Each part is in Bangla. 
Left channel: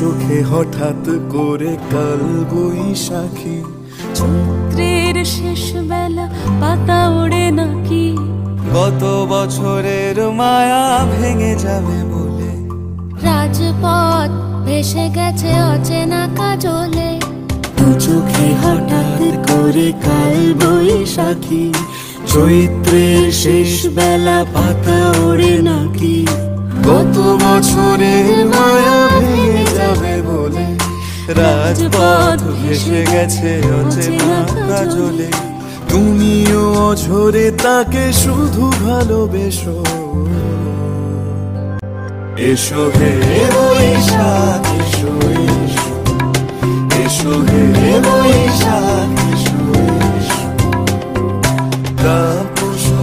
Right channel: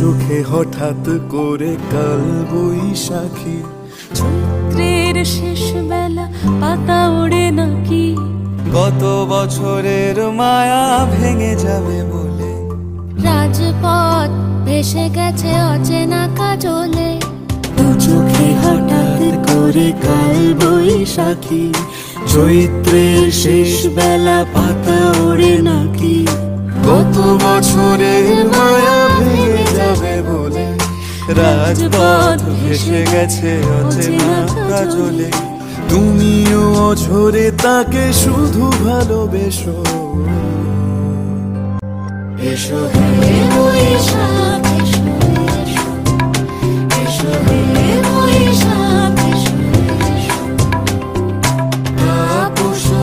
চোখে হঠাৎ করে কাল বৈশাখী, চৈত্রের শেষ বেলা পাতা ওড়ে নাকি, গত বছরের মায়া ভেঙে যাবে বলে, রাজপথ ভেসে গেছে অচেনা কাজলে, দু চোখে হঠাৎ করে কাল বৈশাখী, চৈত্রের শেষ বেলা পাতা ওড়ে নাকি, গত বছরের মায়া ভেঙে যাবে বলে, রাজপথ ভেসে গেছে অচেনা কাজলে, তুমিও অঝরে তাকে শুধু ভালোবেসো। এসো হে বৈশাখ এসো, এসো হে বৈশাখ এসো,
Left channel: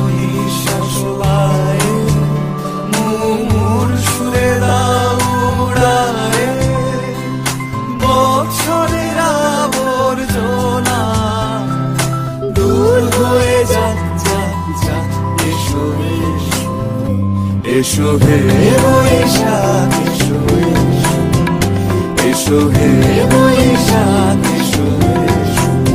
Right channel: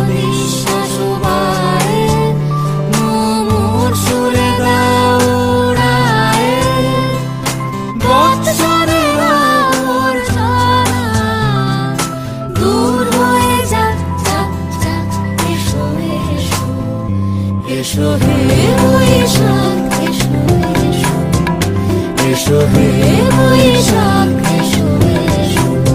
নিঃশ্বাস বাড়ে মোর সুরে দাও উড়ায়ে, বৎসরের আবর্জনা দূর হয়ে যাক যাক যাক। এসো এসো, এসো হে বৈশাখ এসো, এসো হে বৈশাখ এসো, এসো।